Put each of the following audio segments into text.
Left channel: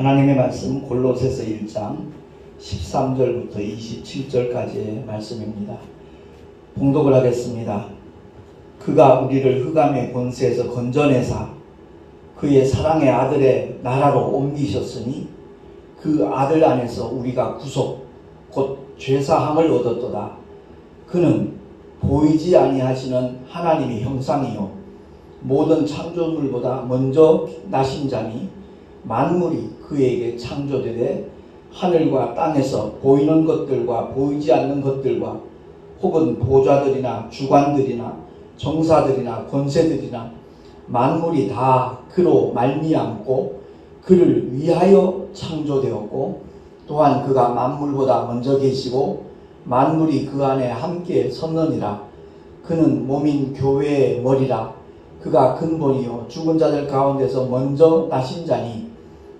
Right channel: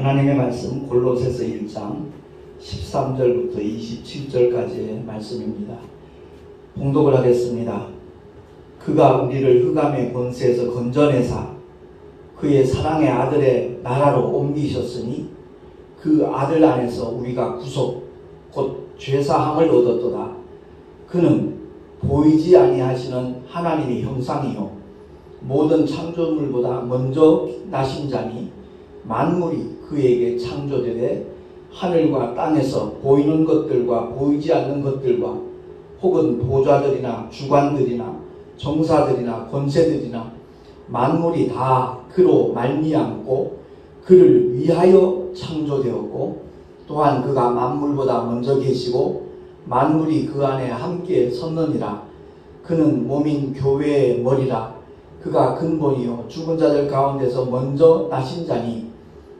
하나님의 말씀 골로새서 1장 13절부터 27절까지의 말씀입니다. 봉독을 하겠습니다. 그가 우리를 흑암의 권세에서 건져내사 그의 사랑의 아들의 나라로 옮기셨으니 그 아들 안에서 우리가 구속 곧 죄사함을 얻었도다. 그는 보이지 아니하시는 하나님의 형상이요 모든 창조물보다 먼저 나신 자니 만물이 그에게 창조되되 하늘과 땅에서 보이는 것들과 보이지 않는 것들과 혹은 보좌들이나 주관들이나 정사들이나 권세들이나 만물이 다 그로 말미암고 그를 위하여 창조되었고 또한 그가 만물보다 먼저 계시고 만물이 그 안에 함께 섰느니라. 그는 몸인 교회의 머리라. 그가 근본이요 죽은 자들 가운데서 먼저 나신 자니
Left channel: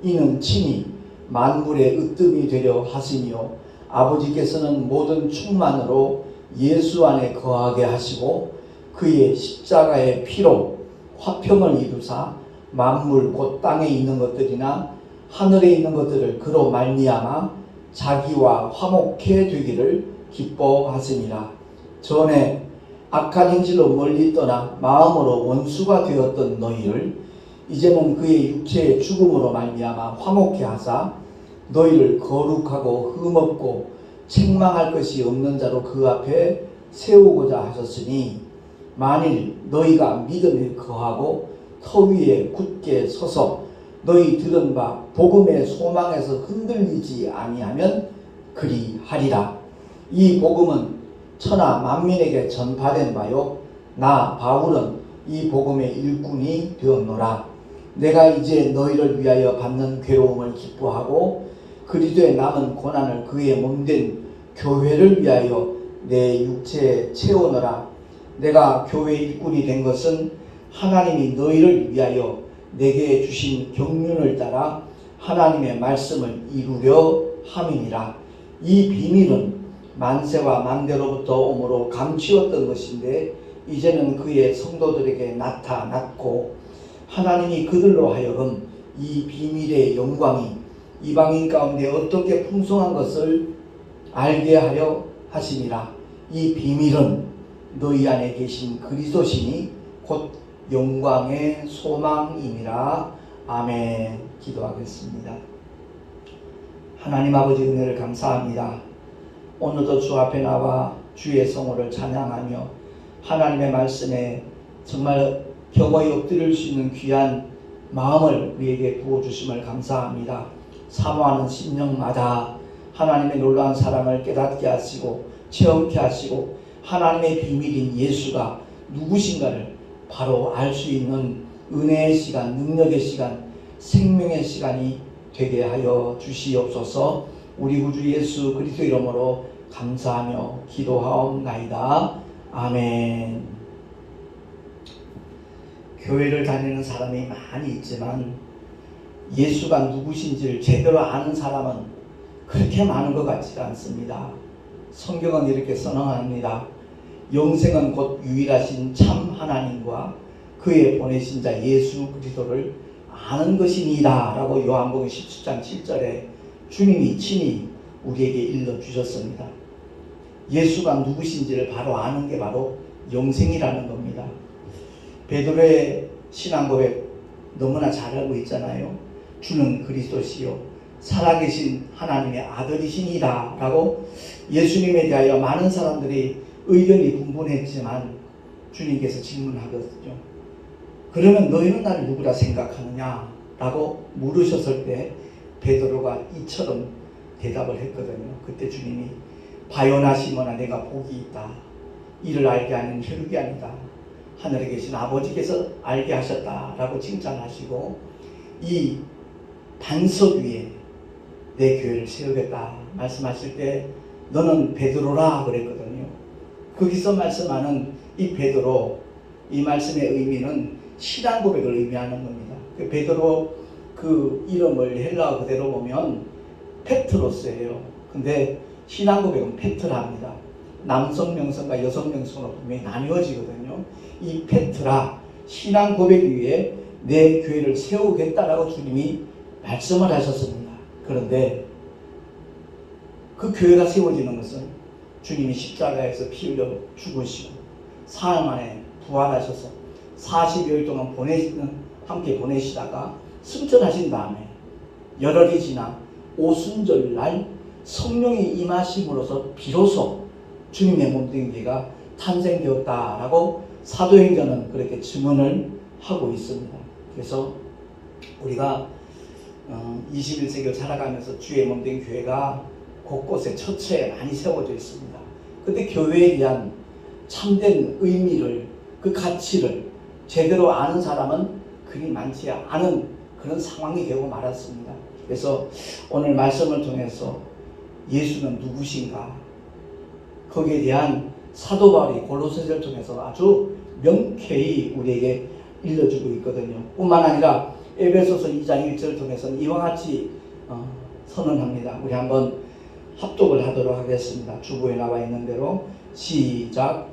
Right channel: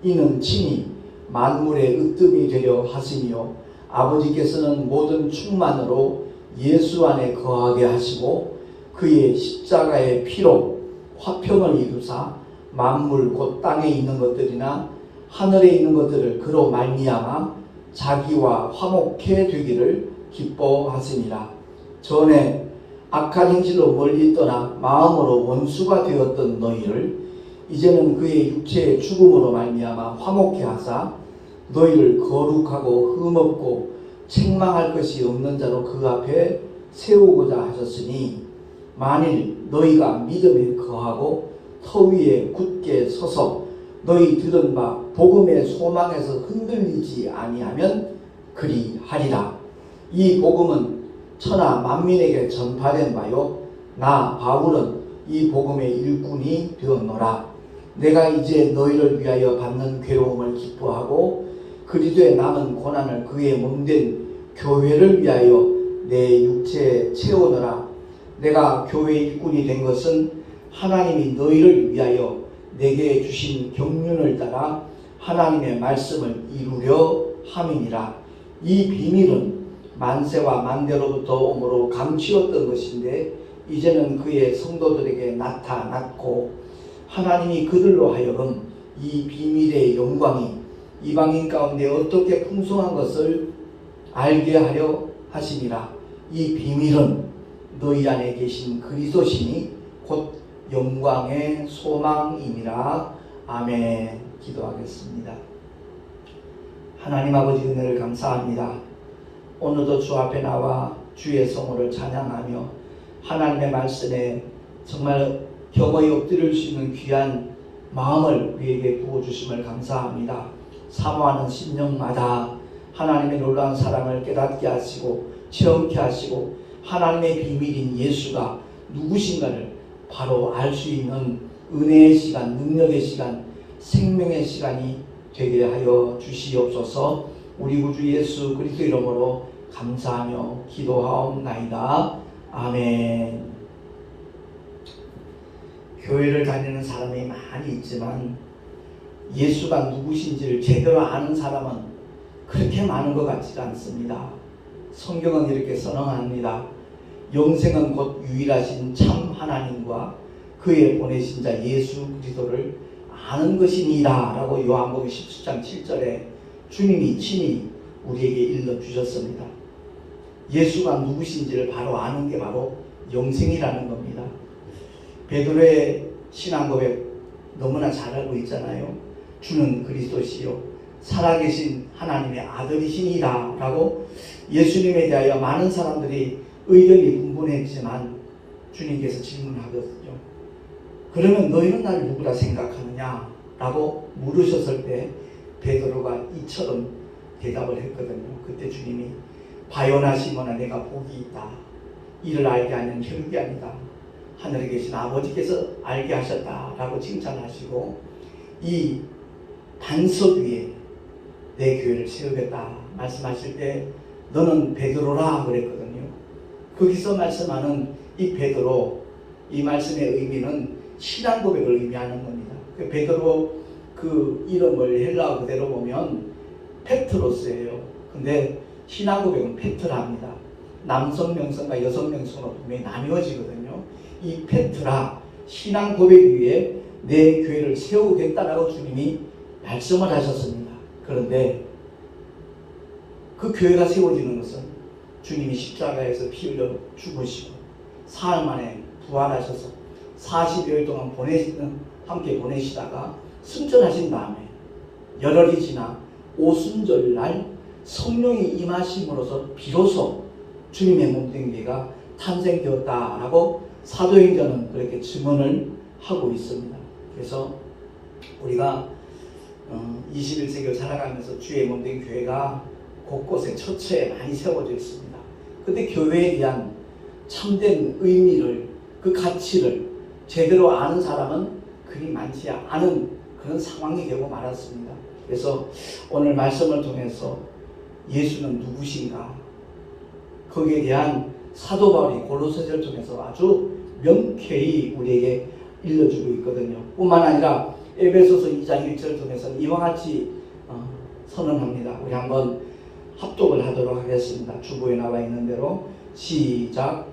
이는 친히 만물의 으뜸이 되려 하시니요 아버지께서는 모든 충만으로 예수 안에 거하게 하시고 그의 십자가의 피로 화평을 이루사 만물 곧 땅에 있는 것들이나 하늘에 있는 것들을 그로 말미암아 자기와 화목해 되기를 기뻐하시니라. 전에 악한 행실로 멀리 떠나 마음으로 원수가 되었던 너희를 이제는 그의 육체의 죽음으로 말미암아 화목해 하사 너희를 거룩하고 흠없고 책망할 것이 없는 자로 그 앞에 세우고자 하셨으니 만일 너희가 믿음에 거하고 터 위에 굳게 서서 너희 들은 바 복음의 소망에서 흔들리지 아니하면 그리하리라. 이 복음은 천하 만민에게 전파된 바요 나 바울은 이 복음의 일꾼이 되었노라. 내가 이제 너희를 위하여 받는 괴로움을 기뻐하고 그리스도의 남은 고난을 그의 몸된 교회를 위하여 내 육체에 채우노라. 내가 교회 일꾼이 된 것은 하나님이 너희를 위하여 내게 주신 경륜을 따라 하나님의 말씀을 이루려 함이니라. 이 비밀은 만세와 만대로부터 오므로 감추었던 것인데 이제는 그의 성도들에게 나타났고 하나님이 그들로 하여금 이 비밀의 영광이 이방인 가운데 어떻게 풍성한 것을 알게 하려 하심이라. 이 비밀은 너희 안에 계신 그리스도시니 곧 영광의 소망이니라. 아멘. 기도하겠습니다. 하나님 아버지 은혜를 감사합니다. 오늘도 주 앞에 나와 주의 성호를 찬양하며 하나님의 말씀에 정말 격하게 엎드릴 수 있는 귀한 마음을 우리에게 부어주심을 감사합니다. 사모하는 심령마다 하나님의 놀라운 사랑을 깨닫게 하시고 체험케 하시고 하나님의 비밀인 예수가 누구신가를 바로 알 수 있는 은혜의 시간, 능력의 시간, 생명의 시간이 되게 하여 주시옵소서. 우리 구주 예수 그리스도 이름으로 감사하며 기도하옵나이다. 아멘. 교회를 다니는 사람이 많이 있지만 예수가 누구신지를 제대로 아는 사람은 그렇게 많은 것 같지 않습니다. 성경은 이렇게 선언합니다. 영생은 곧 유일하신 참 하나님과 그의 보내신 자 예수 그리스도를 아는 것이니라 라고 요한복음 17장 7절에 주님이 친히 우리에게 일러주셨습니다. 예수가 누구신지를 바로 아는 게 바로 영생이라는 겁니다. 베드로의 신앙 고백 너무나 잘 알고 있잖아요. 주는 그리스도시요 살아계신 하나님의 아들이시니라 라고 예수님에 대하여 많은 사람들이 의견이 분분했지만 주님께서 질문하거든요. 그러면 너희는 나를 누구라 생각하느냐 라고 물으셨을 때 베드로가 이처럼 대답을 했거든요. 그때 주님이 바요나 시몬아 내가 복이 있다. 이를 알게 하는 혈육이 아니다. 하늘에 계신 아버지께서 알게 하셨다 라고 칭찬하시고 이 반석 위에 내 교회를 세우겠다 말씀하실 때 너는 베드로라 그랬거든요. 거기서 말씀하는 이 베드로, 이 말씀의 의미는 신앙 고백을 의미하는 겁니다. 그 베드로 그 이름을 헬라어 그대로 보면 페트로스예요. 근데 신앙 고백은 페트라입니다. 남성 명성과 여성 명성으로 분명히 나뉘어지거든요. 이 페트라 신앙 고백 위에 내 교회를 세우겠다라고 주님이 말씀을 하셨습니다. 그런데 그 교회가 세워지는 것은 주님이 십자가에서 피 흘려 죽으시고 사흘 만에 부활하셔서 40여일 동안 함께 보내시다가 승천하신 다음에 열흘이 지나 오순절날 성령이 임하심으로써 비로소 주님의 몸된 교회가 탄생되었다라고 사도행전은 그렇게 증언을 하고 있습니다. 그래서 우리가 21세기를 살아가면서 주의 몸된 교회가 곳곳에 처처에 많이 세워져 있습니다. 근데 교회에 대한 참된 의미를, 그 가치를 제대로 아는 사람은 그리 많지 않은 그런 상황이 되고 말았습니다. 그래서 오늘 말씀을 통해서 예수는 누구신가, 거기에 대한 사도 바울이 골로새서를 통해서 아주 명쾌히 우리에게 일러주고 있거든요. 뿐만 아니라 에베소서 2장 1절을 통해서는 이와 같이 선언합니다. 우리 한번 합독을 하도록 하겠습니다. 주보에 나와 있는 대로 시작.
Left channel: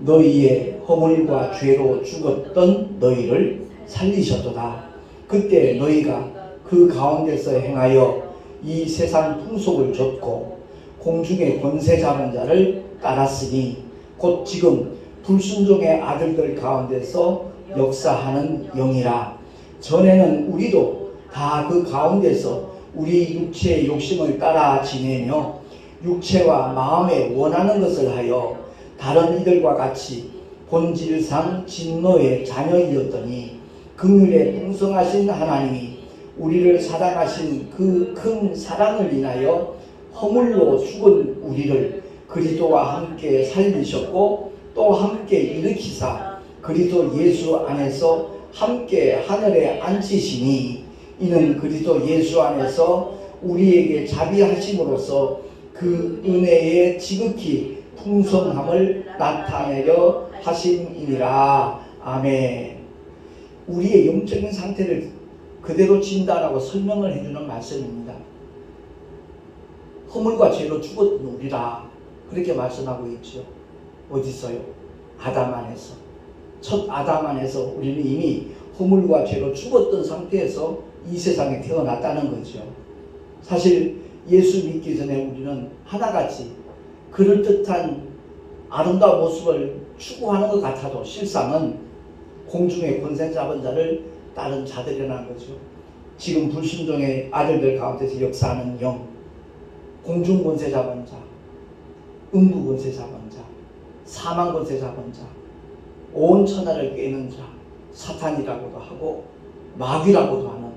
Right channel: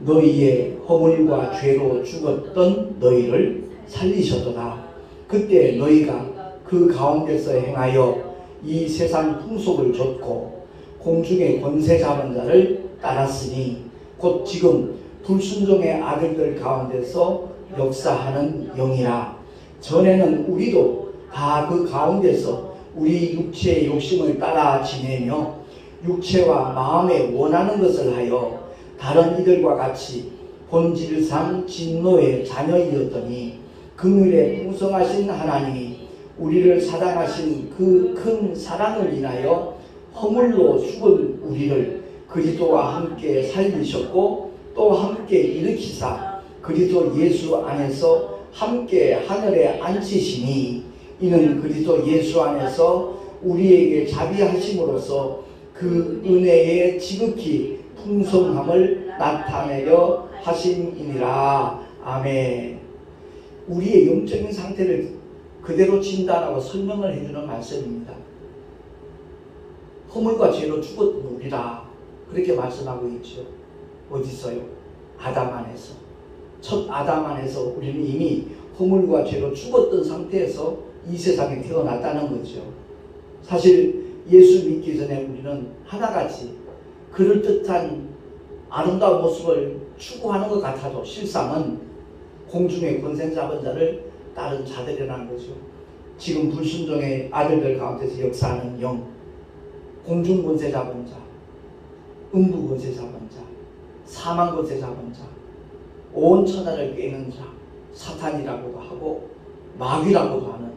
너희의 허물과 죄로 죽었던 너희를 살리셨도다. 그때 너희가 그 가운데서 행하여 이 세상 풍속을 좇고 공중의 권세 잡은 자를 따랐으니 곧 지금 불순종의 아들들 가운데서 역사하는 영이라. 전에는 우리도 다 그 가운데서 우리 육체의 욕심을 따라 지내며 육체와 마음에 원하는 것을 하여 다른 이들과 같이 본질상 진노의 자녀이었더니 긍휼에 풍성하신 하나님이 우리를 사랑하신 그 큰 사랑을 인하여 허물로 죽은 우리를 그리스도와 함께 살리셨고 또 함께 일으키사 그리스도 예수 안에서 함께 하늘에 앉히시니 이는 그리스도 예수 안에서 우리에게 자비하심으로써 그 은혜의 지극히 풍성함을 나타내려 하심이니라. 아멘. 우리의 영적인 상태를 그대로 진단하고 설명을 해주는 말씀입니다. 허물과 죄로 죽었던 우리라 그렇게 말씀하고 있죠. 어디서요? 아담 안에서. 첫 아담 안에서 우리는 이미 허물과 죄로 죽었던 상태에서 이 세상에 태어났다는 거죠. 사실 예수 믿기 전에 우리는 하나같이 그럴듯한 아름다운 모습을 추구하는 것 같아도 실상은 공중의 권세 잡은 자를 따른 자들이라는 거죠. 지금 불순종의 아들들 가운데서 역사하는 영, 공중 권세 잡은 자, 음부 권세 잡은 자, 사망 권세 잡은 자, 온 천하를 꿰는 자, 사탄이라고도 하고 마귀라고도 하는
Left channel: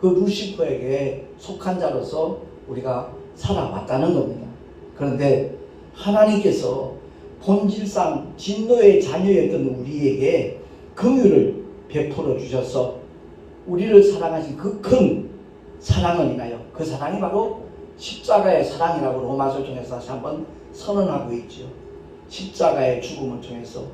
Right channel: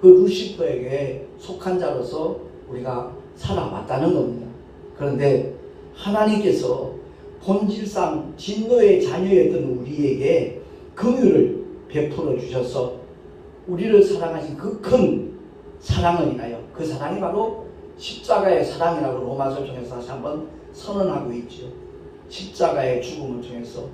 그 루시퍼에게 속한 자로서 우리가 살아왔다는 겁니다. 그런데 하나님께서 본질상 진노의 자녀였던 우리에게 긍휼을 베풀어 주셔서 우리를 사랑하신 그 큰 사랑을 인하여, 그 사랑이 바로 십자가의 사랑이라고 로마서를 통해서 다시 한번 선언하고 있죠. 십자가의 죽음을 통해서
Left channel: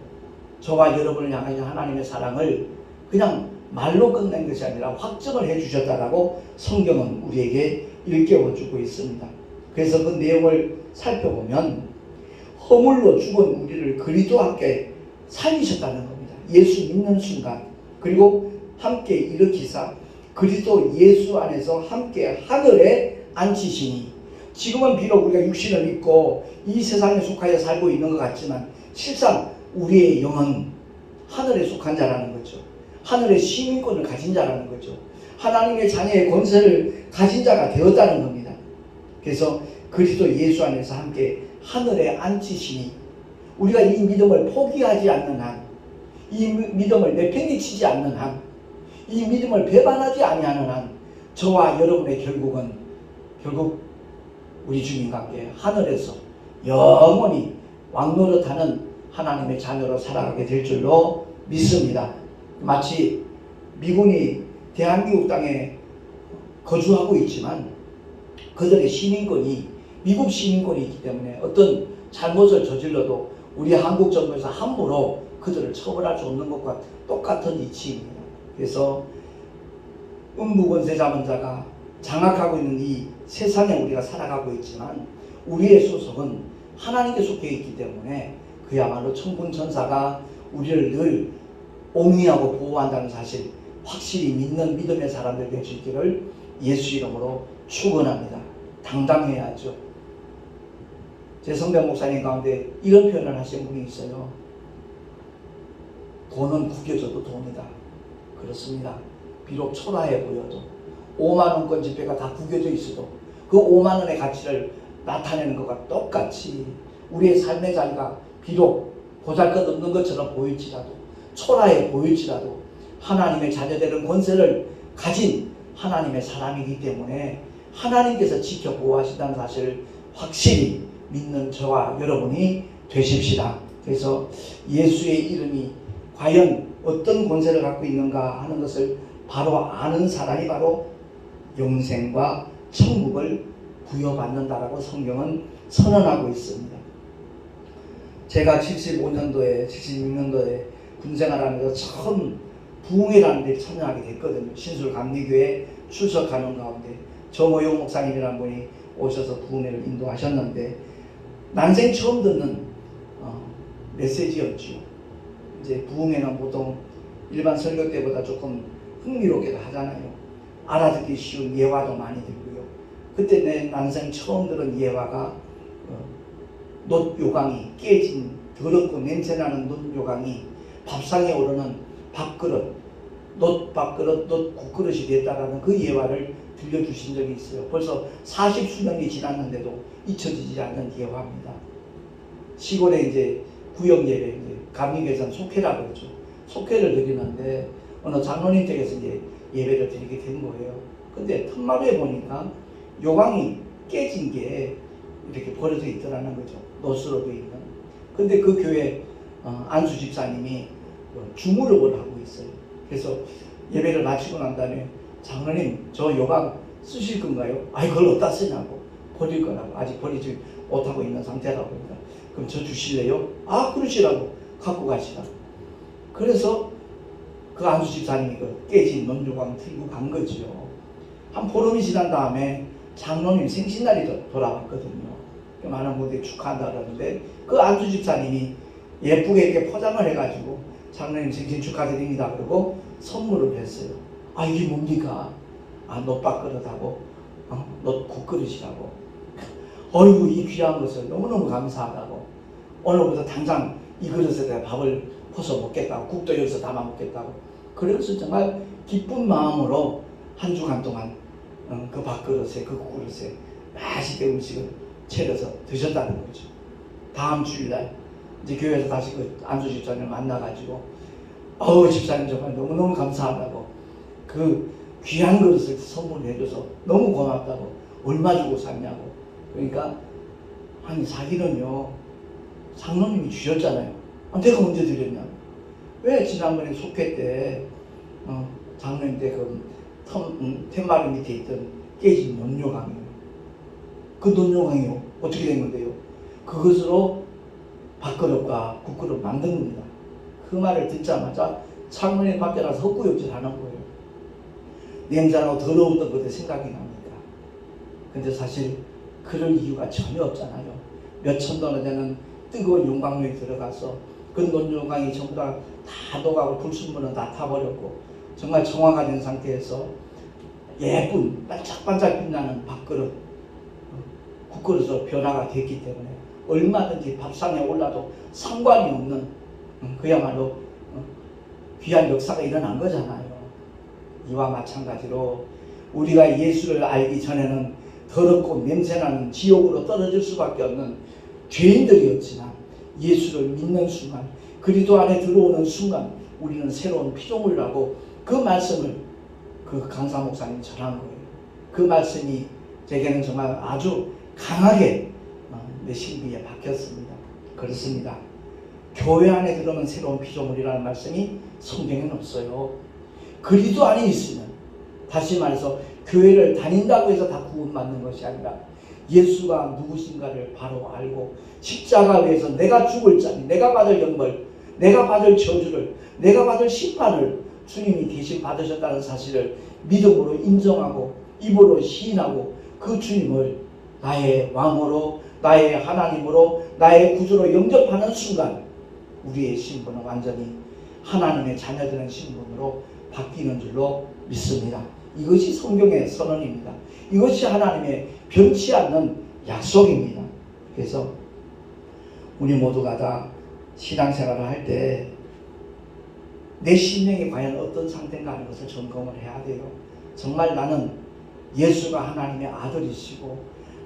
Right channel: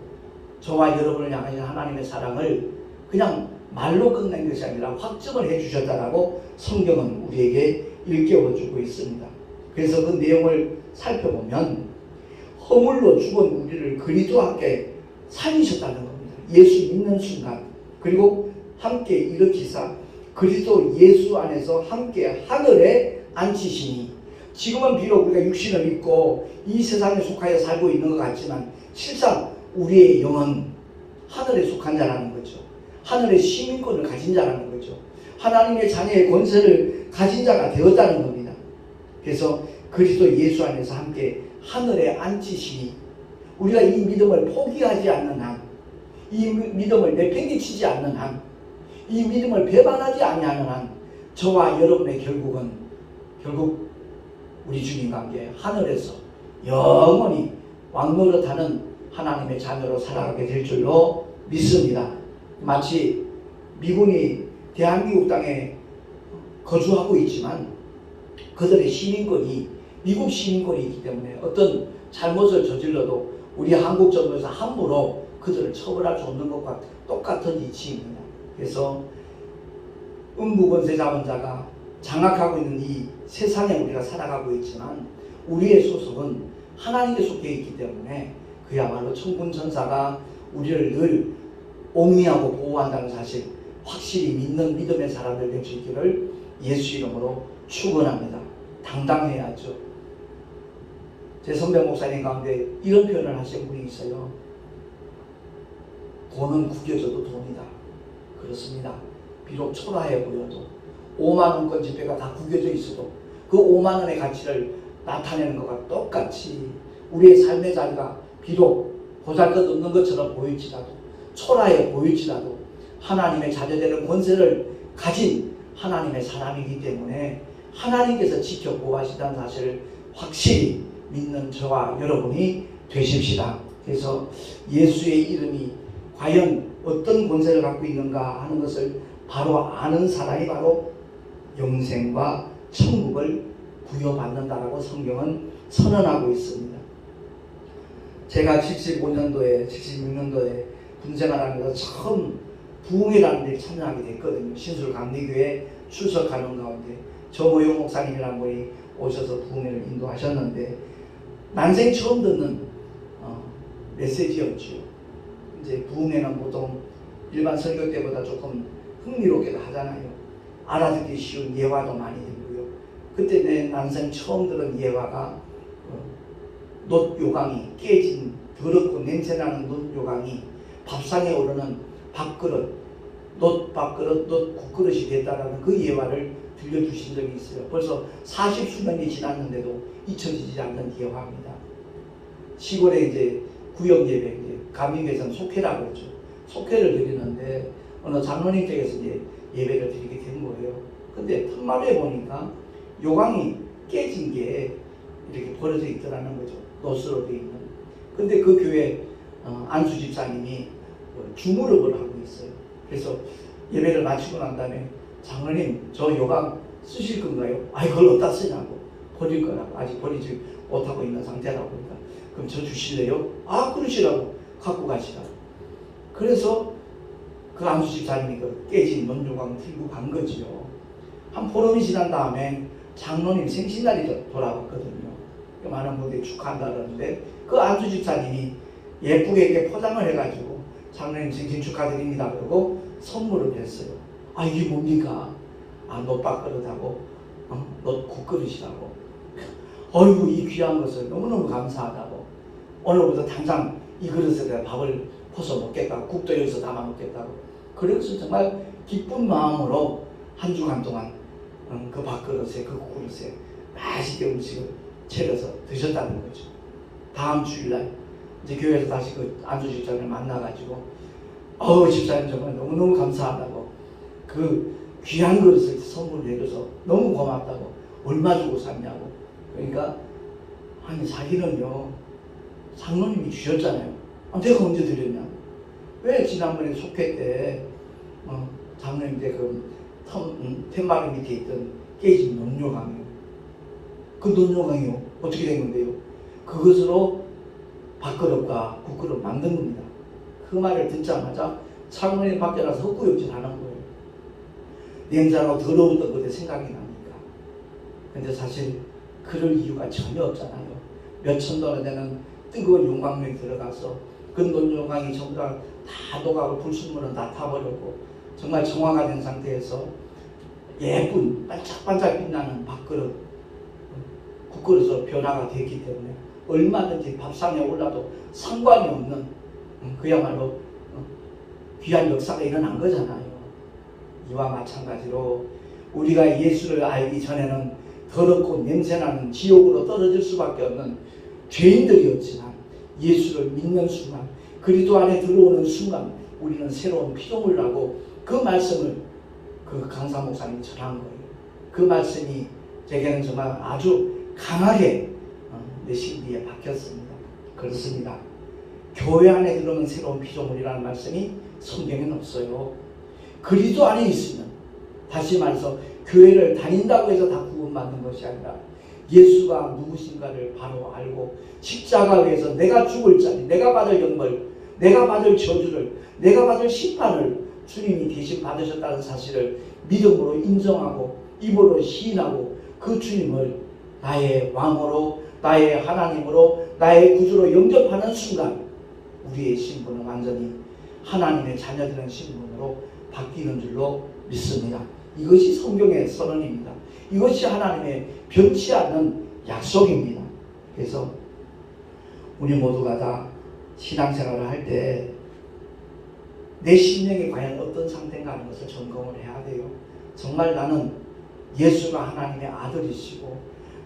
저와 여러분을 향하신 하나님의 사랑을 그냥 말로 끝낸 것이 아니라 확증을 해주셨다라고 성경은 우리에게 일깨워주고 있습니다. 그래서 그 내용을 살펴보면 허물로 죽은 우리를 그리스도와 함께 살리셨다는 겁니다. 예수 믿는 순간, 그리고 함께 일으키사 그리스도 예수 안에서 함께 하늘에 앉히시니, 지금은 비록 우리가 육신을 입고 이 세상에 속하여 살고 있는 것 같지만 실상 우리의 영은 하늘에 속한 자라는 거죠. 하늘의 시민권을 가진 자라는 거죠. 하나님의 자녀의 권세를 가진 자가 되었다는 겁니다. 그래서 그리스도 예수 안에서 함께 하늘에 앉히시니, 우리가 이 믿음을 포기하지 않는 한, 이 믿음을 내팽개치지 않는 한, 이 믿음을 배반하지 아니하는 한, 저와 여러분의 결국 우리 주님과 함께 하늘에서 영원히 왕노릇하는 하나님의 자녀로 살아가게 될 줄로 믿습니다. 마치 미군이 대한민국 땅에 거주하고 있지만 그들의 시민권이 미국 시민권이 있기 때문에 어떤 잘못을 저질러도 우리 한국 정부에서 함부로 그들을 처벌할 수 없는 것과 똑같은 이치입니다. 그래서 음부권세 잡은 자가 장악하고 있는 이 세상에 우리가 살아가고 있지만 우리의 소속은 하나님께 속해 있기 때문에 그야말로 천군 천사가 우리를 늘 옹이하고 보호한다는 사실 확실히 믿는 믿음의 사람들 될 수 있기를 예수 이름으로 축원합니다. 당당해야죠. 제 선배 목사님 가운데 이런 표현을 하신 분이 있어요. 돈은 구겨져도 돈이다. 그렇습니다. 비록 초라해 보여도 5만원권 지폐가 다 구겨져 있어도 그 5만원의 가치를 나타내는 것과 똑같이 우리의 삶의 자리가 비록 보잘것없는 것처럼 보일지라도 초라해 보일지라도 하나님의 자녀되는 권세를 가진 하나님의 사람이기 때문에 하나님께서 지켜 보호하시다는 사실을 확실히 믿는 저와 여러분이 되십시다. 그래서 예수의 이름이 과연 어떤 권세를 갖고 있는가 하는 것을 바로 아는 사람이 바로 영생과 천국을 부여받는다라고 성경은 선언하고 있습니다. 제가 75년도에 76년도에 군생활하면서 처음 부흥회라는 데 참여하게 됐거든요. 신술감리교회 출석하는 가운데 정호용 목사님이라는 분이 오셔서 부흥회를 인도하셨는데 난생 처음 듣는 메시지였죠. 이제 부흥회는 보통 일반 설교 때보다 조금 흥미롭게도 하잖아요. 알아듣기 쉬운 예화도 많이 들고요. 그때 내 난생 처음 들은 예화가 놋 요강이 깨진 더럽고 냄새나는 놋 요강이 밥상에 오르는 밥그릇, 놋 밥그릇, 놋 국그릇이 됐다라는 그 예화를 들려주신 적이 있어요. 벌써 40수년이 지났는데도 잊혀지지 않는 예화입니다. 시골에 이제 구역 예배, 이제 감리교에서는 속회라고 그러죠. 속회를 드리는데 어느 장로님 댁에서 이제 예배를 드리게 된 거예요. 근데 틈만에 보니까 요강이 깨진 게 이렇게 버려져 있더라는 거죠. 놋으로 되어 있는. 근데 그 교회 안수 집사님이 주무르을 하고 있어요. 그래서 예배를 마치고 난 다음에 장로님 저 요강 쓰실 건가요? 아 이걸 어디다 쓰냐고. 버릴 거라고. 아직 버리지 못하고 있는 상태라고 그러니까 그럼 저 주실래요? 아 그러시라고. 갖고 가시라고. 그래서 그 안수 집사님이 그 깨진 논요강 들고 간 거지요. 한 보름이 지난 다음에 장로님 생신날이 돌아왔거든요. 많은 분들이 축하한다 그러는데 그 안수 집사님이 예쁘게 이렇게 포장을 해가지고 장로님 생신 축하드립니다 그러고 선물을 했어요. 아 이게 뭡니까? 아 놋밥그릇하고 놋 국그릇이라고. 어이구 이 귀한 것을 너무너무 감사하다고. 오늘부터 당장 이 그릇에다 밥을 퍼서 먹겠다고. 국도 여기서 담아 먹겠다고. 그래서 정말 기쁜 마음으로 한 주간 동안 그 밥그릇에 그 국그릇에 맛있게 음식을 차려서 드셨다는 거죠. 다음 주일날 이제 교회에서 다시 그 안수 집사님을 만나가지고 집사님 정말 너무너무 감사하다고 그 귀한 그릇을 선물해줘서 너무 고맙다고 얼마 주고 샀냐고. 그러니까 아니 자기는요 장로님이 주셨잖아요. 내가 언제 드렸냐고. 왜 지난번에 속회 때 장로님 때 그 툇마루 밑에 있던 깨진 논요강이요. 그 논요강이요 어떻게 된 건데요? 그것으로 밥그릇과 국그릇 만든 겁니다. 그 말을 듣자마자 창문에 밖에 나서 헛구역질 하는 거예요. 냄새나고 더러웠던 그때 생각이 납니까? 근데 사실 그럴 이유가 전혀 없잖아요. 몇천 돈에 되는 뜨거운 용광로에 들어가서 그 논요강이 전부 다 녹아고 불순물은 다 타버렸고 정말 정화가 된 상태에서 예쁜 반짝반짝 빛나는 밥그릇, 국그릇으로 변화가 됐기 때문에 얼마든지 밥상에 올라도 상관이 없는 그야말로 귀한 역사가 일어난 거잖아요. 이와 마찬가지로 우리가 예수를 알기 전에는 더럽고 냄새나는 지옥으로 떨어질 수밖에 없는 죄인들이었지만 예수를 믿는 순간 그리스도 안에 들어오는 순간 우리는 새로운 피조물을 하고 그 말씀을 그 강사 목사님이 전한 거예요. 그 말씀이 제게는 정말 아주 강하게 내 신비에 박혔습니다. 그렇습니다. 교회 안에 들어오면 새로운 피조물이라는 말씀이 성경에는 없어요. 그리스도 안에 있으면 다시 말해서 교회를 다닌다고 해서 다 구원받는 것이 아니라 예수가 누구신가를 바로 알고 십자가 위에서 내가 죽을 자리, 내가 받을 영벌, 내가 받을 저주를, 내가 받을 심판을 주님이 대신 받으셨다는 사실을 믿음으로 인정하고 입으로 시인하고 그 주님을 나의 왕으로, 나의 하나님으로, 나의 구주로 영접하는 순간 우리의 신분은 완전히 하나님의 자녀되는 신분으로 바뀌는 줄로 믿습니다. 이것이 성경의 선언입니다. 이것이 하나님의 변치 않는 약속입니다. 그래서 우리 모두가 다 신앙생활을 할 때 내 심령이 과연 어떤 상태인가 하는 것을 점검을 해야 돼요. 정말 나는 예수가 하나님의 아들이시고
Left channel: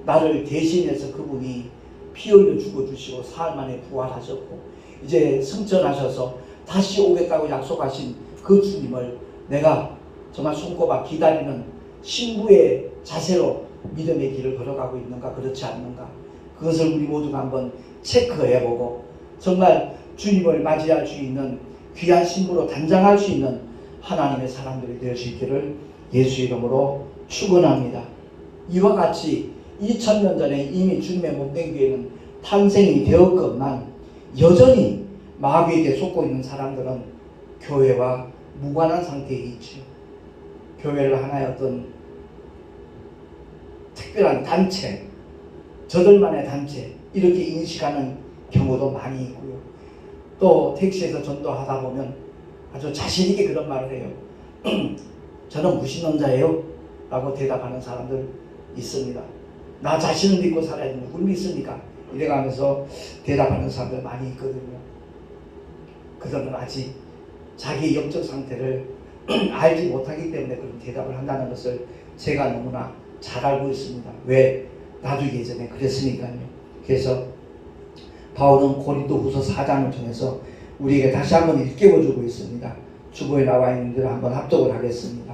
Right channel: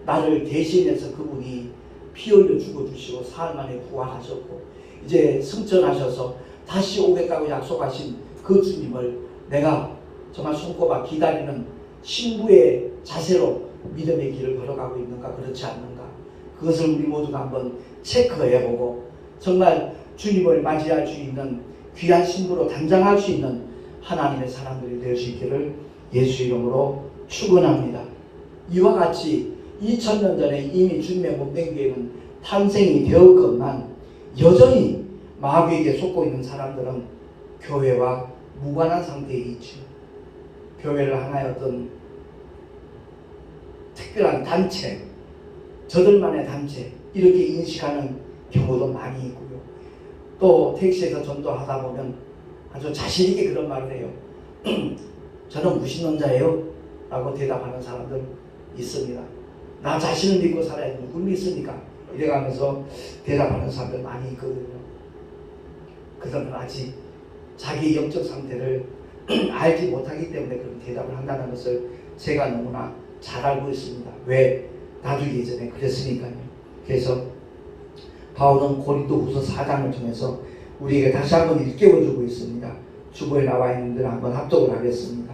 나를 대신해서 그분이 피 흘려 죽어주시고 사흘 만에 부활하셨고 이제 승천하셔서 다시 오겠다고 약속하신 그 주님을 내가 정말 손꼽아 기다리는 신부의 자세로 믿음의 길을 걸어가고 있는가 그렇지 않는가, 그것을 우리 모두가 한번 체크해보고 정말 주님을 맞이할 수 있는 귀한 신부로 단장할 수 있는 하나님의 사람들이 될 수 있기를 예수 이름으로 축원합니다. 이와 같이 2000년 전에 이미 주님의 몸된 교회는 탄생이 되었건만 여전히 마귀에게 속고 있는 사람들은 교회와 무관한 상태에 있죠. 교회를 하나의 어떤 특별한 단체, 저들만의 단체 이렇게 인식하는 경우도 많이 있고요. 또 택시에서 전도하다 보면 아주 자신있게 그런 말을 해요. 저는 무신론자예요 라고 대답하는 사람들 있습니다. 나 자신을 믿고 살아야 누굴 믿습니까? 이래가면서 대답하는 사람들 많이 있거든요. 그 사람은 아직 자기 영적 상태를 알지 못하기 때문에 그런 대답을 한다는 것을 제가 너무나 잘 알고 있습니다. 왜? 나도 예전에 그랬으니까요. 그래서 바울은 고린도후서 4장을 통해서 우리에게 다시 한번 일깨워주고 있습니다. 주보에 나와 있는 대로 한번 합독을 하겠습니다.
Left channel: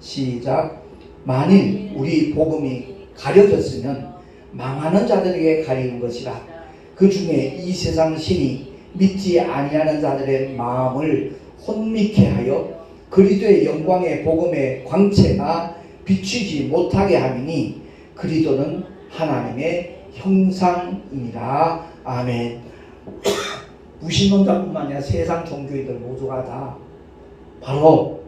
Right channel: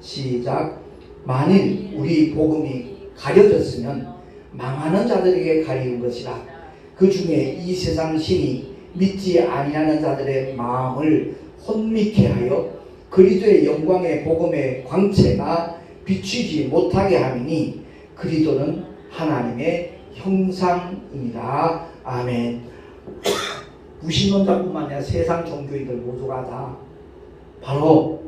시작. 만일 우리 복음이 가려졌으면 망하는 자들에게 가리는 것이라. 그 중에 이 세상 신이 믿지 아니하는 자들의 마음을 혼미케 하여 그리스도의 영광의 복음의 광채가 비추지 못하게 하리니 그리스도는 하나님의 형상입니다. 아멘. 무신론자뿐만 아니라 세상 종교인들 모두가 다 바로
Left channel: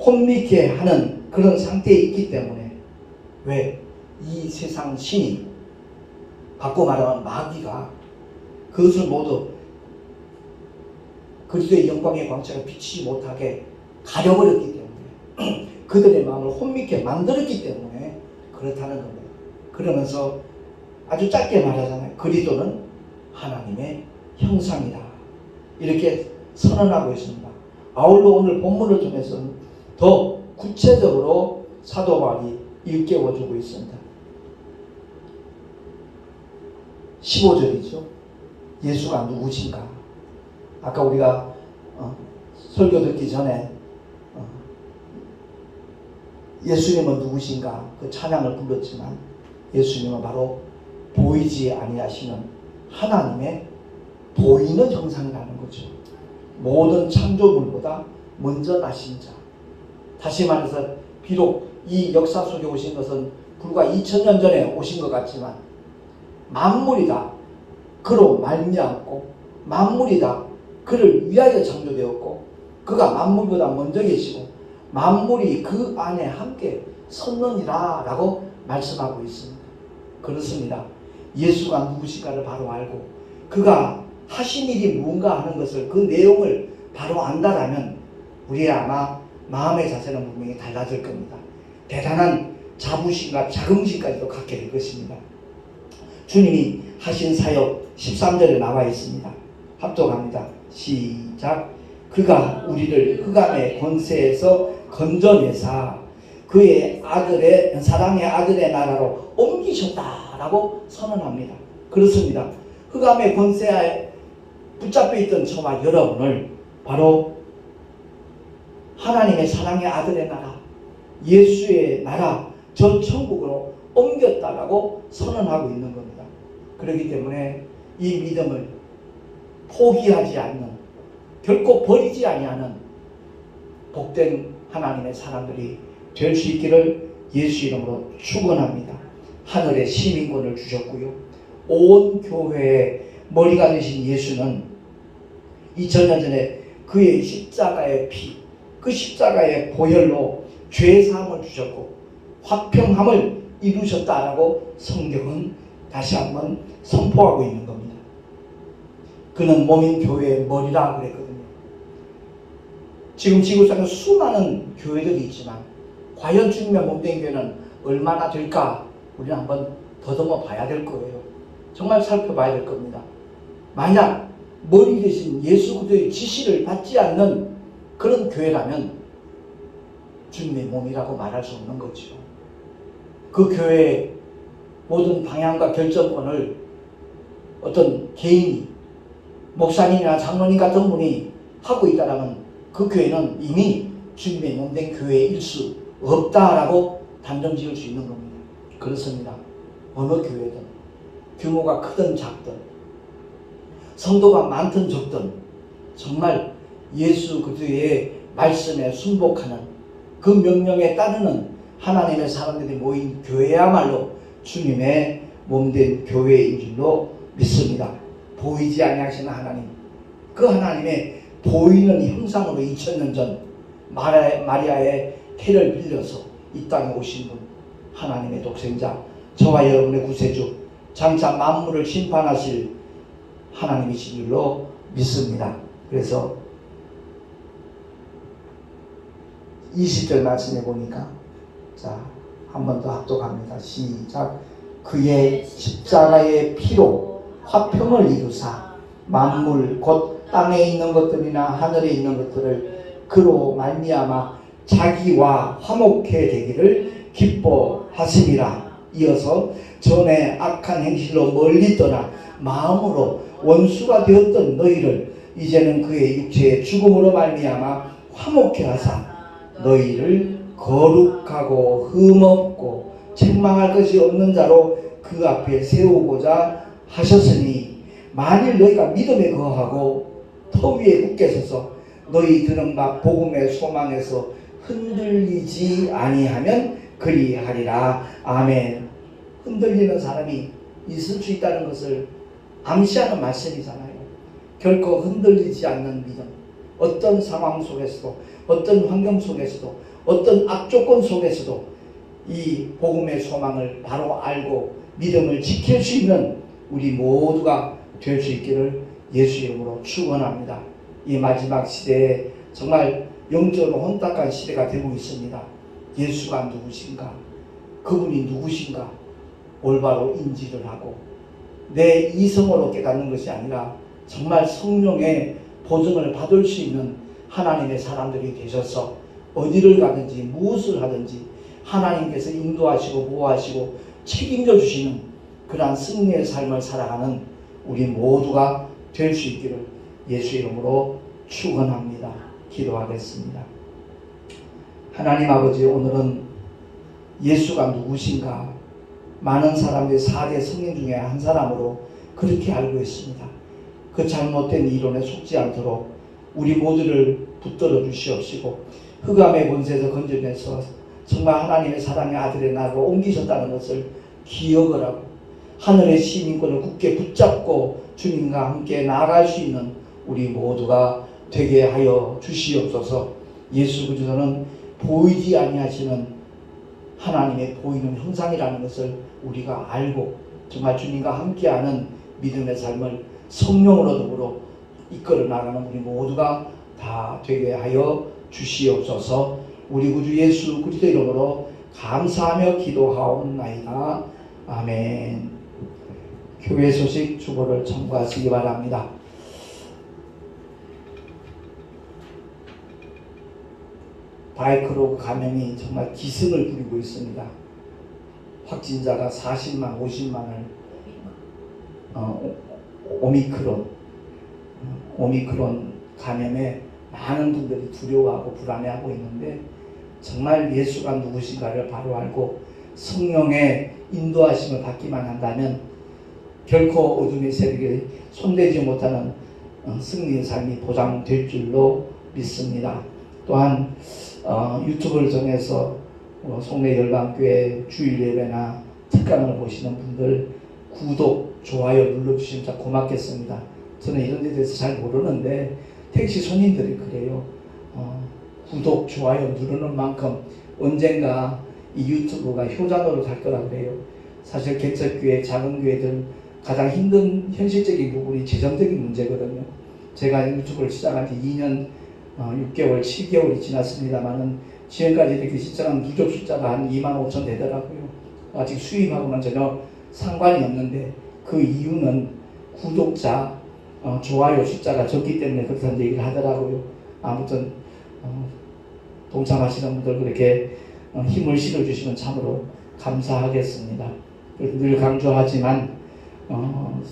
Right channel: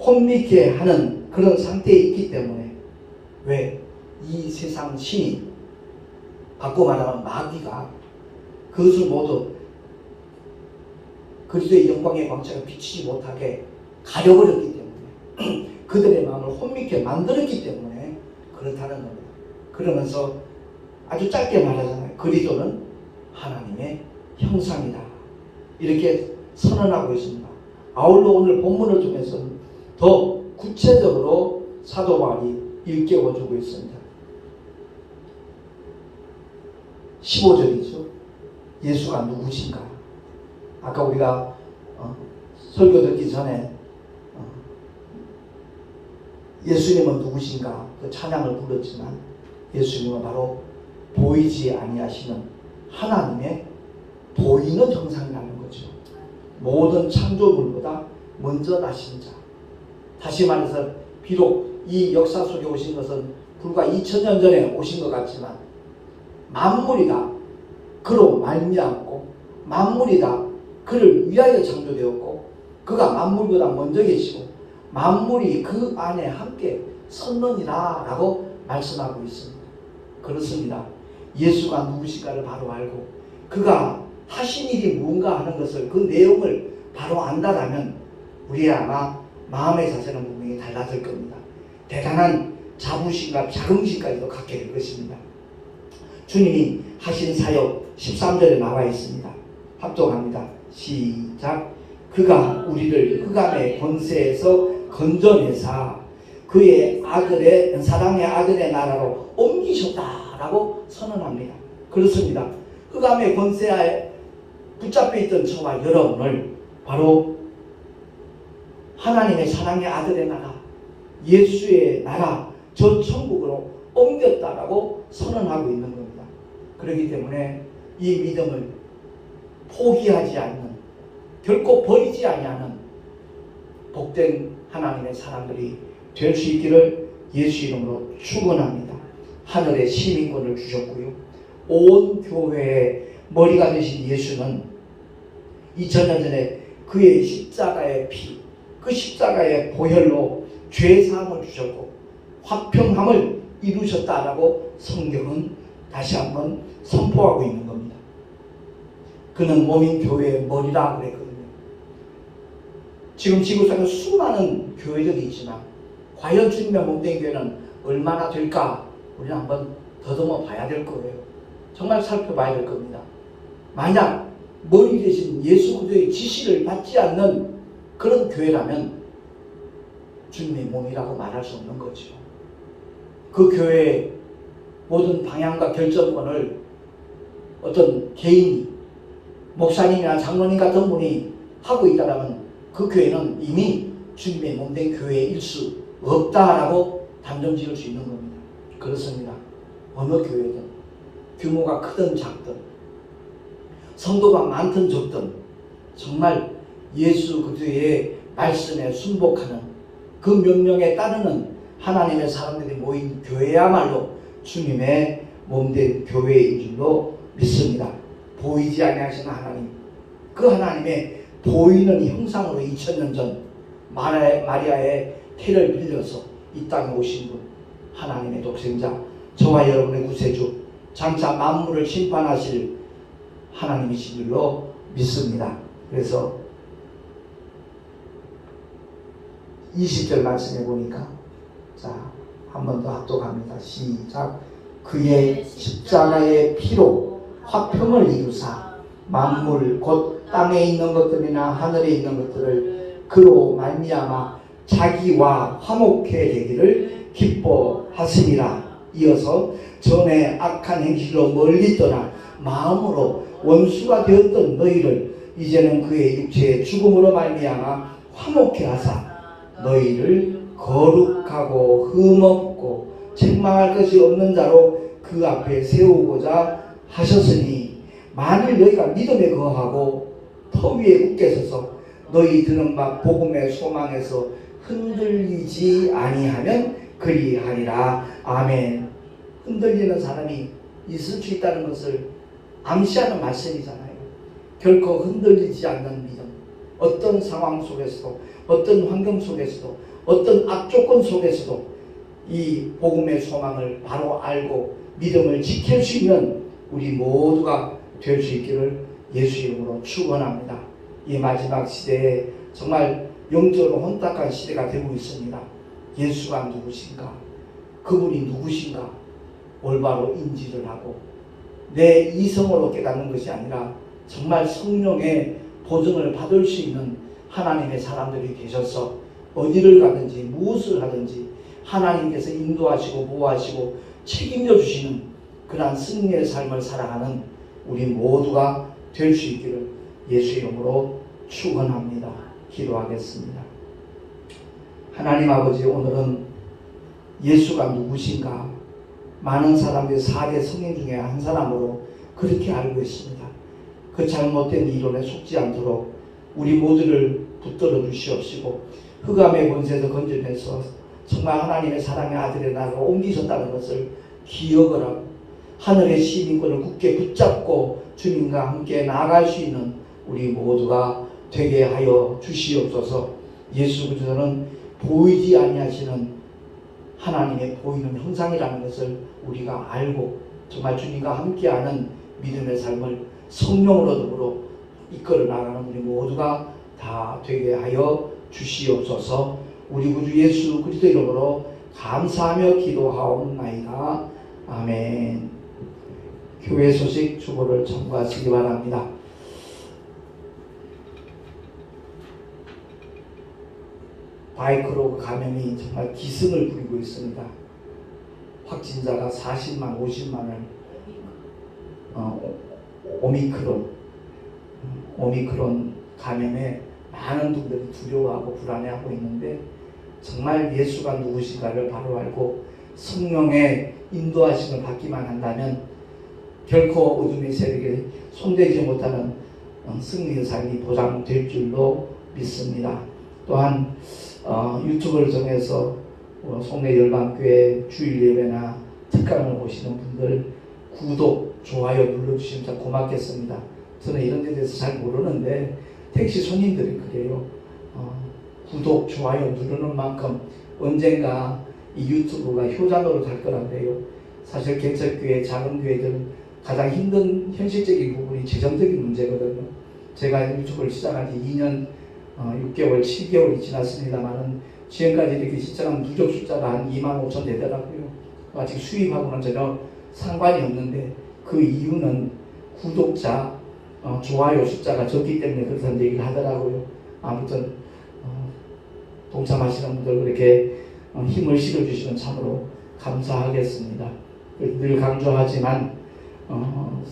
혼미케 하는 그런 상태에 있기 때문에, 왜? 이 세상 신이, 바꿔 말하면 마귀가 그것을 모두 그리스도의 영광의 광채를 비치지 못하게 가려버렸기 때문에 그들의 마음을 혼미케 만들었기 때문에 그렇다는 겁니다. 그러면서 아주 짧게 말하잖아요. 그리스도는 하나님의 형상이다. 이렇게 선언하고 있습니다. 아울러 오늘 본문을 통해서는 더 구체적으로 사도 바울이 일깨워주고 있습니다. 15절이죠. 예수가 누구신가? 아까 우리가 설교 듣기 전에 예수님은 누구신가? 그 찬양을 불렀지만 예수님은 바로 보이지 아니하시는 하나님의 보이는 형상이라는 거죠. 모든 창조물보다 먼저 나신 자. 다시 말해서 비록 이 역사 속에 오신 것은 불과 2000년 전에 오신 것 같지만 만물이 다 그로 말미암고 만물이 다 그를 위하여 창조되었고 그가 만물보다 먼저 계시고 만물이 그 안에 함께 섰느니라 라고 말씀하고 있습니다. 그렇습니다. 예수가 누구신가를 바로 알고 그가 하신 일이 무언가 하는 것을, 그 내용을 바로 안다라면 우리의 아마 마음의 자세는 분명히 달라질 겁니다. 대단한 자부심과 자긍심까지도 갖게 될 것입니다. 주님이 하신 사역 13절에 나와 있습니다. 합독합니다. 시작. 그가 우리를 흑암의 권세에서 건져내사 그의 아들의 사랑의 아들의 나라로 옮기셨다라고 선언합니다. 그렇습니다. 흑암의 권세에 붙잡혀 있던 저와 여러분을 바로 하나님의 사랑의 아들의 나라, 예수의 나라, 저 천국으로 옮겼다라고 선언하고 있는 겁니다. 그렇기 때문에 이 믿음을 포기하지 않는, 결코 버리지 아니하는 복된 하나님의 사람들이 될 수 있기를 예수 이름으로 축원합니다. 하늘의 시민권을 주셨고요. 온 교회의 머리가 되신 예수는 2000년 전에 그의 십자가의 피, 그 십자가의 보혈로 죄사함을 주셨고 화평함을 이루셨다라고 성경은 다시 한번 선포하고 있는 겁니다. 그는 몸인 교회의 머리라 그랬거든요. 지금 지구상에 수많은 교회들이 있지만 과연 주님의 몸된 교회는 얼마나 될까? 우리는 한번 더듬어 봐야 될 거예요. 정말 살펴봐야 될 겁니다. 만약 머리 대신 예수 그리스도의 지시를 받지 않는 그런 교회라면 주님의 몸이라고 말할 수 없는 거죠. 그 교회의 모든 방향과 결정권을 어떤 개인이, 목사님이나 장로님 같은 분이 하고 있다면 그 교회는 이미 주님의 몸된 교회일 수 없다라고 단정 지을 수 있는 겁니다. 그렇습니다. 어느 교회든 규모가 크든 작든 성도가 많든 적든 정말 예수 그리스도의 말씀에 순복하는 그 명령에 따르는 하나님의 사람들이 모인 교회야말로 주님의 몸된 교회인 줄로 믿습니다. 보이지 아니하시는 하나님, 그 하나님의 보이는 형상으로 2000년 전 마리아의 태를 빌려서 이 땅에 오신 분, 하나님의 독생자, 저와 여러분의 구세주, 장차 만물을 심판하실 하나님이신 줄로 믿습니다. 그래서 20절 말씀해 보니까, 자, 한 번 더 합독합니다. 시작. 그의 십자가의 피로 화평을 이루사 만물 곧 땅에 있는 것들이나 하늘에 있는 것들을 그로 말미암아 자기와 화목해 되기를 기뻐하시니라. 이어서 전에 악한 행실로 멀리 떠나 마음으로 원수가 되었던 너희를 이제는 그의 육체의 죽음으로 말미암아 화목해 하사 너희를 거룩하고 흠없고 책망할 것이 없는 자로 그 앞에 세우고자 하셨으니 만일 너희가 믿음에 거하고 터 위에 굳게 서서 너희 들은 바 복음의 소망에서 흔들리지 아니하면 그리하리라. 아멘. 흔들리는 사람이 있을 수 있다는 것을 암시하는 말씀이잖아요. 결코 흔들리지 않는 믿음. 어떤 상황 속에서도, 어떤 환경 속에서도, 어떤 악조건 속에서도 이 복음의 소망을 바로 알고 믿음을 지킬 수 있는 우리 모두가 될 수 있기를 예수 이름으로 축원합니다. 이 마지막 시대에 정말 영적으로 혼탁한 시대가 되고 있습니다. 예수가 누구신가? 그분이 누구신가? 올바로 인지를 하고 내 이성으로 깨닫는 것이 아니라 정말 성령의 보증을 받을 수 있는 하나님의 사람들이 계셔서 어디를 가든지 무엇을 하든지 하나님께서 인도하시고 보호하시고 책임져 주시는 그러한 승리의 삶을 살아가는 우리 모두가 될 수 있기를 예수 이름으로 축원합니다. 기도하겠습니다. 하나님 아버지, 오늘은 예수가 누구신가? 많은 사람들이 4대 성령 중에 한 사람으로 그렇게 알고 있습니다. 그 잘못된 이론에 속지 않도록 우리 모두를 붙들어 주시옵시고 흑암의 권세에서 건져내서 정말 하나님의 사랑의 아들의 나라로 옮기셨다는 것을 기억을 하고 하늘의 시민권을 굳게 붙잡고 주님과 함께 나아갈 수 있는 우리 모두가 되게 하여 주시옵소서. 예수 그리스도는 보이지 아니하시는 하나님의 보이는 형상이라는 것을 우리가 알고 정말 주님과 함께하는 믿음의 삶을 성령으로 더불어 이끌어 나가는 우리 모두가 다 되게 하여 주시옵소서. 우리 구주 예수 그리스도 이름으로 감사하며 기도하옵나이다. 아멘. 교회 소식 주보를 청구하시기 바랍니다. 바이크로그 감염이 정말 기승을 부리고 있습니다. 확진자가 40만, 50만을 오미크론 감염에 많은 분들이 두려워하고 불안해하고 있는데 정말 예수가 누구신가를 바로 알고 성령의 인도하심을 받기만 한다면 결코 어둠의 세력에 손대지 못하는 승리의 삶이 보장될 줄로 믿습니다. 또한 유튜브를 통해서 송내 열방교회 주일 예배나 특강을 보시는 분들 구독, 좋아요 눌러주시면 참 고맙겠습니다. 저는 이런 데 대해서 잘 모르는데 택시 손님들이 그래요. 구독, 좋아요 누르는 만큼 언젠가 이 유튜브가 효자노로 갈 거란데요. 사실 개척교회, 작은 교회들 가장 힘든 현실적인 부분이 재정적인 문제거든요. 제가 유튜브를 시작한 지 2년 6개월, 7개월이 지났습니다만은 지금까지 이렇게 시청한 누적 숫자가 한 25,000 되더라고요. 아직 수입하고는 전혀 상관이 없는데 그 이유는 구독자, 좋아요 숫자가 적기 때문에 그렇다는 얘기를 하더라고요. 아무튼 동참하시는 분들 그렇게 힘을 실어주시면 참으로 감사하겠습니다. 늘 강조하지만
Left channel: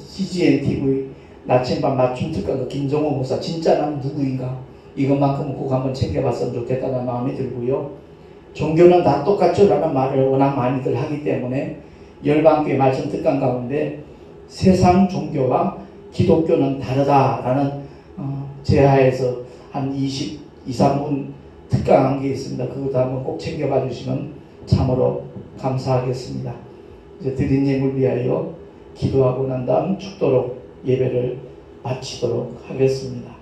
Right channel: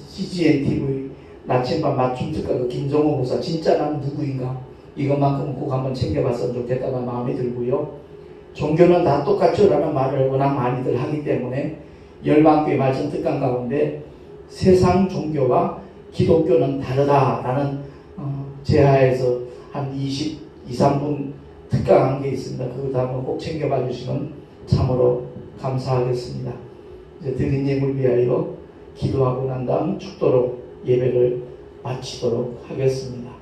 CGN TV 나침반 맞춤 특가 그 김정호 목사 진짜 난 누구인가 이것만큼은 꼭 한번 챙겨봤으면 좋겠다는 마음이 들고요. 종교는 다 똑같죠 라는 말을 워낙 많이들 하기 때문에 열방교회 말씀 특강 가운데 세상 종교와 기독교는 다르다라는 제하에서 한 23분 특강한 게 있습니다. 그것도 한번 꼭 챙겨봐 주시면 참으로 감사하겠습니다. 이제 드린 예물 위하여 기도하고 난 다음 축도로 예배를 마치도록 하겠습니다.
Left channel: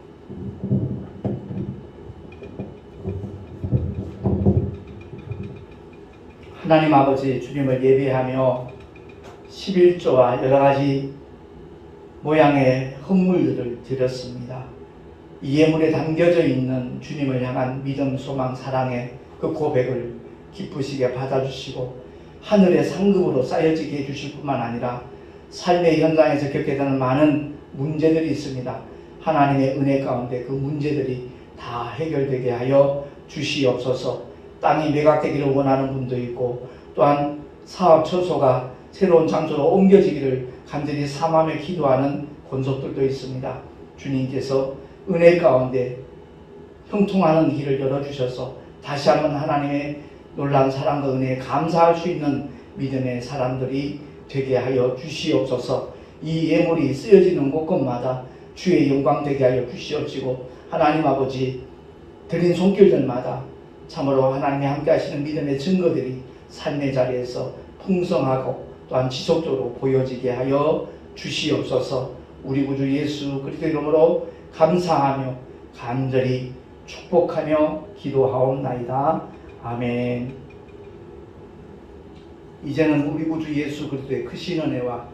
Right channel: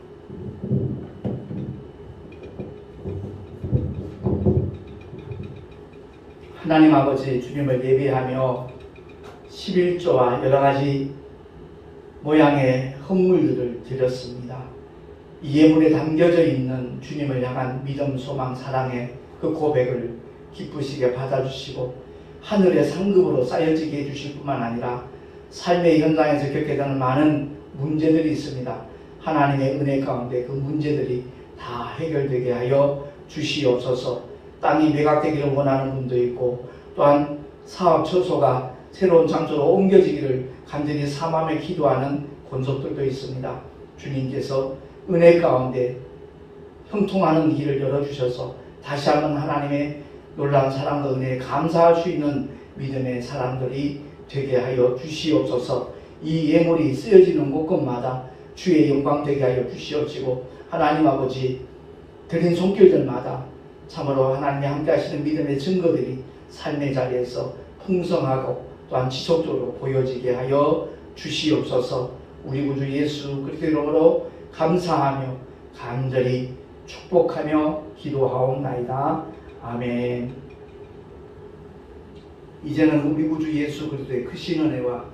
하나님 아버지 주님을 예배하며 11조와 여러가지 모양의 헌물들을 드렸습니다. 이 예물에 담겨져 있는 주님을 향한 믿음, 소망, 사랑의 그 고백을 기쁘시게 받아주시고 하늘의 상급으로 쌓여지게 해주실 뿐만 아니라 삶의 현장에서 겪게 되는 많은 문제들이 있습니다. 하나님의 은혜 가운데 그 문제들이 다 해결되게 하여 주시옵소서. 땅이 매각되기를 원하는 분도 있고 또한 사업 처소가 새로운 장소로 옮겨지기를 간절히 삼함에 기도하는 권속들도 있습니다. 주님께서 은혜 가운데 형통하는 길을 열어주셔서 다시 한번 하나님의 놀라운 사랑과 은혜에 감사할 수 있는 믿음의 사람들이 되게 하여 주시옵소서. 이 예물이 쓰여지는 곳곳마다 주의 영광 되게 하여 주시옵시고 하나님 아버지 드린 손길들마다 참으로 하나님이 함께 하시는 믿음의 증거들이 삶의 자리에서 풍성하고 또한 지속적으로 보여지게 하여 주시옵소서. 우리 구주 예수 그리스도의 이름으로 감사하며 간절히 축복하며 기도하옵나이다. 아멘. 이제는 우리 구주 예수 그리스도의 크신 은혜와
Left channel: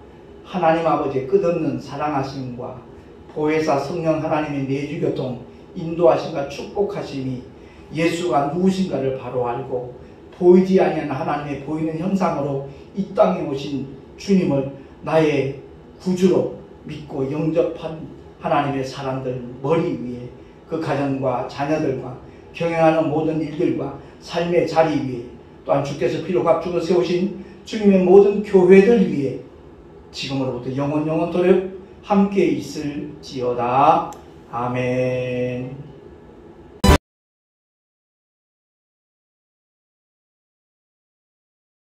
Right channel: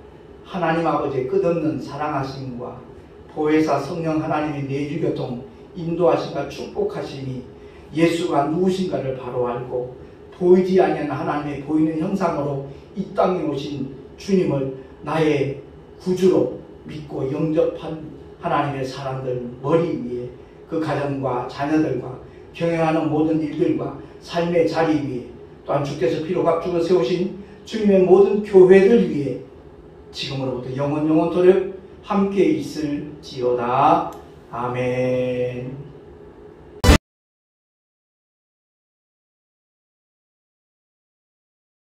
하나님 아버지의 끝없는 사랑하심과 보혜사 성령 하나님의 내주교통 인도하심과 축복하심이 예수가 누구신가를 바로 알고 보이지 아니하는 하나님의 보이는 형상으로 이 땅에 오신 주님을 나의 구주로 믿고 영접한 하나님의 사람들 머리 위에 그 가정과 자녀들과 경영하는 모든 일들과 삶의 자리 위에 또한 주께서 피로 값주고 세우신 주님의 모든 교회들 위에 지금으로부터 영원토록 함께 있을지어다. 아멘.